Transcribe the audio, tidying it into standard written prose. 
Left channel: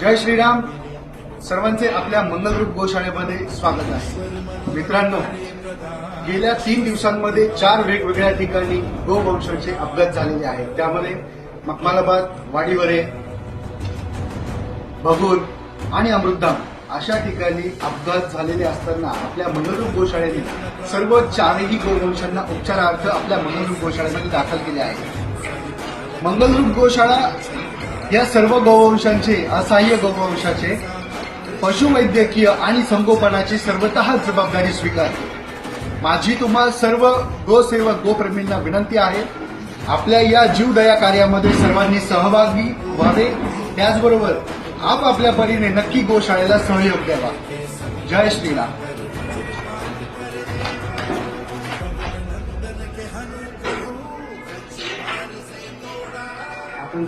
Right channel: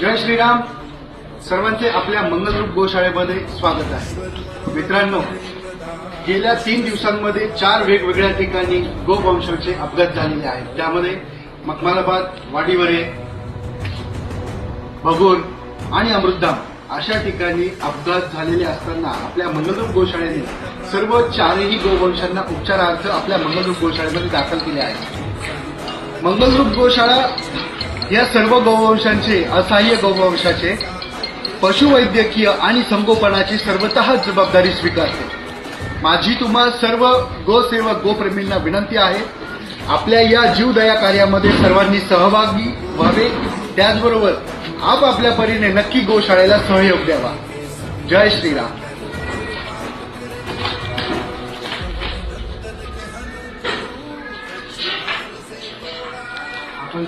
जय श्रीराम. सर्वांचे आपल्या मंगलरूप गोशाळेमध्ये स्वागत आहे. मित्रांनो, गेल्या 3 दिवसांमध्ये 4 वेगवेगळ्या ठिकाणी गोवंशाचे अपघात झालेले आहेत. त्यामध्ये मखमालाबाद, वाडीवरे, भगूर आणि अमृतधाम अशा ठिकाणी अपघात झालेले असताना आपल्या मंगलरूप गोशाळेने सर्व 4ही गोवंशांना उपचारार्थ आपल्या मंगलरूप गोशाळेमध्ये दाखल केले आहे. मंगलरूप गोशाळा या सर्व गोवंशांचे असहाय्य गोवंशाचे पशुवैद्यकीय आणि संगोपनाची सर्वतः जबाबदारी स्वीकारते. माझी तुम्हा सर्व गोसेवक गोप्रेमींना विनंती आहे, आपल्या या जीवदया कार्यामध्ये सर्वांनी सहभागी व्हावे. त्याचबरोबर आपापल्या परीने नक्की गोशाळेला सहयोग द्यावा. जय श्रीराम. आपण